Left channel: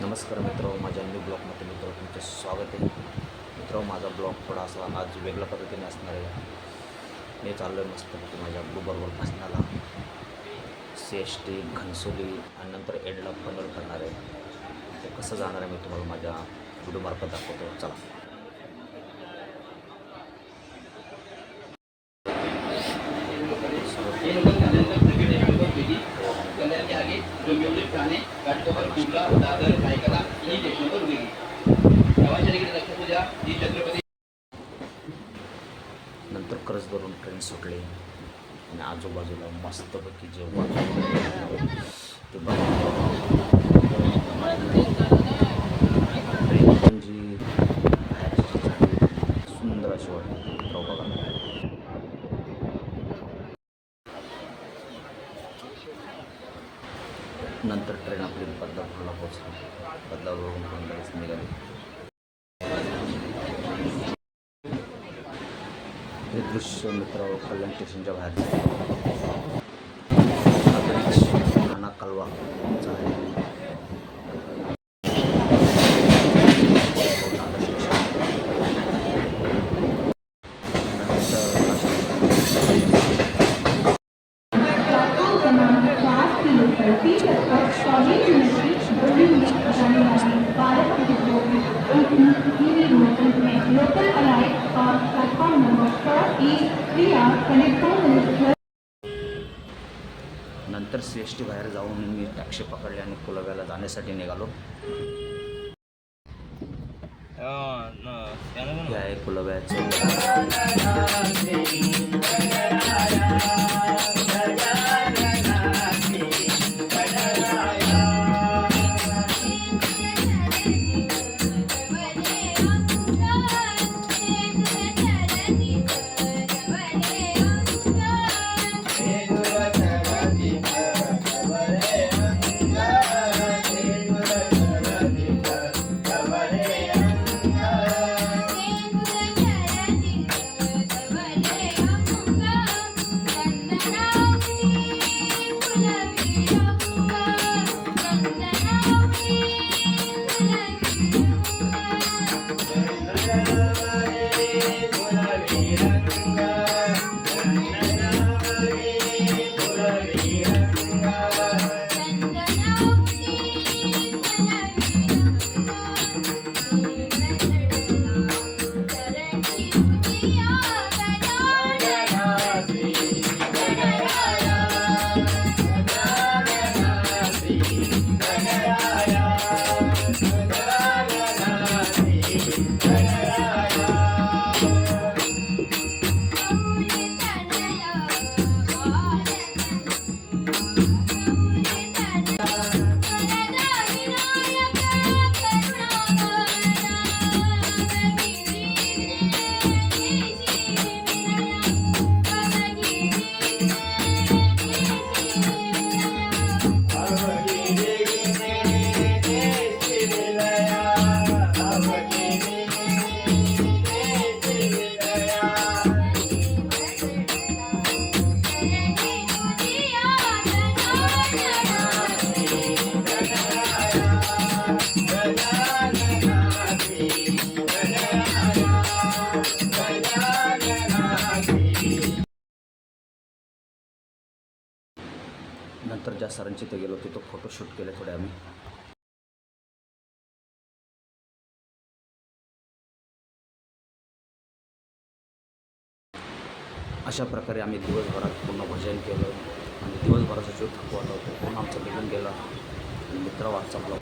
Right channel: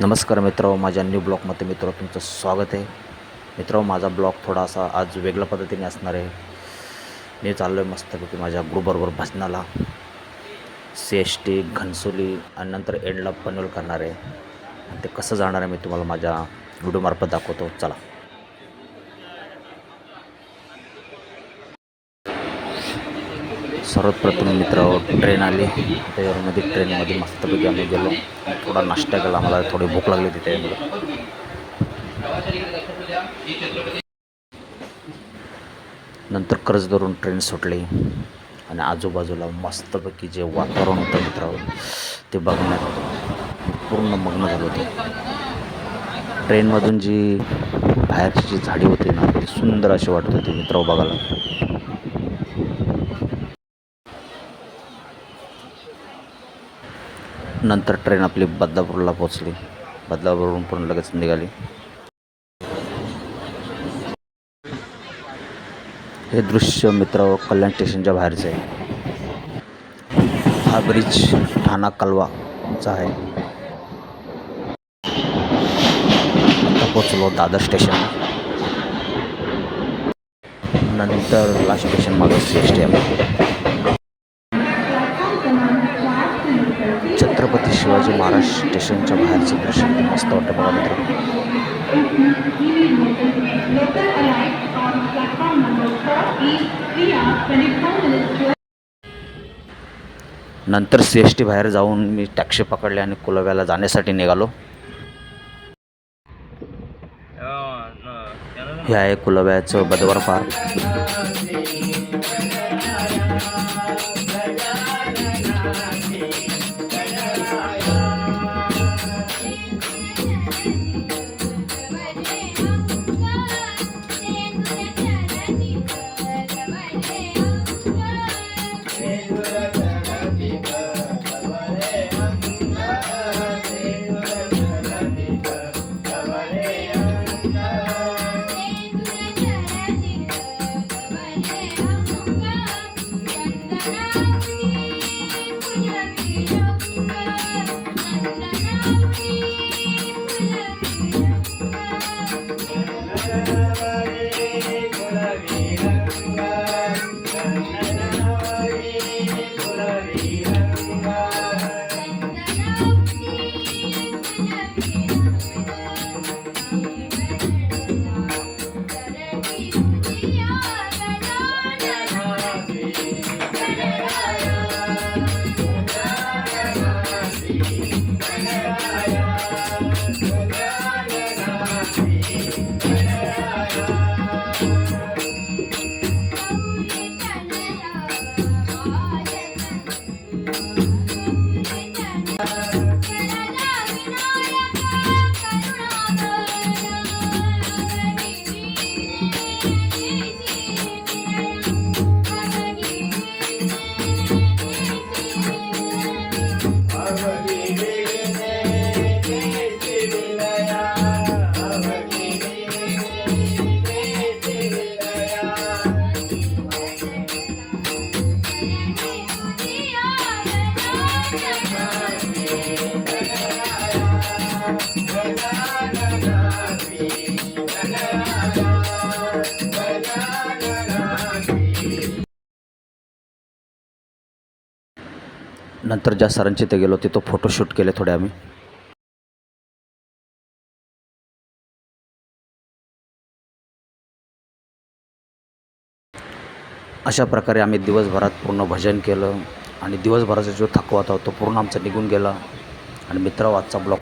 नमस्कार मित्र माझ्या न्यू ब्लॉगमध्ये मित्र तुमचं स्वागत आहे. मित्र माझा ब्लॉग थोडासा आज वेगळ्या पद्धतीने असणार आहे. मी चाललो आहे मस्तपैकी माझ्या ग्रुपबरोबर भजनाला. सी एस टी घनसोली आणि नंतर एंडला पनवेल करणार आहे. ते कसं जाणार आहे मी तुम्हाला माझ्या व्हिडिओमार्फत दाखवतो. चला. सर्वप्रथम मित्र ट्रेन आली. त्याच्यामध्ये ट्रेनमध्ये मस्तपैकी आम्ही गेलो. थोडा नाश्ता केला मला थोडी भूक लागली तिथे नंतर कर्ज धरून ट्रेन सुटली. आणि आजूबाजूला मस्तपैकी जे वातावरण होतं मित्रावर ते बघण्यात होतं पूर्ण मग्न झालं होतं. ट्रेनमधून जी बाहेरची जी झाडी होती ना ती सुंदर अशी वाटत होती मित्र बघायला. नंतर ट्रेन आपली बदलापूरला पोचली बदलापूरहून पण लगेच निघाली. हे दृश्य मित्र कल्याण स्टेशनच्या बाहेरचं आहे. हा ब्रिज ठाणा कलवाचा आहे. पोचलो दादर स्टेशन नंतर लास्ट स्टेशन मागे स्टेशन छत्रपती शिवाजी महाराज स्टेशनच्या बाहेरचं दृश्य मस्त वाटतं मला मित्रांनो. नंतर सी एस टी बाहेर जाऊन मी टॅक्सी पकडली आणि कुलव्याला जाण्यासाठी निघालो हे आहे कुलव्याचं बदवर पार्क Amen. नंतर ज्या सरांची ते गेलो तिथं फोटोशूट केले थोडे आम्ही. अशा प्रकारे आम्ही दिवसभरात पूर्ण भजन केलं आणि दिवसभराचा जो थकवा होता तो पूर्ण आमचा निघून गेला. आणि मित्र आजचा ब्लॉक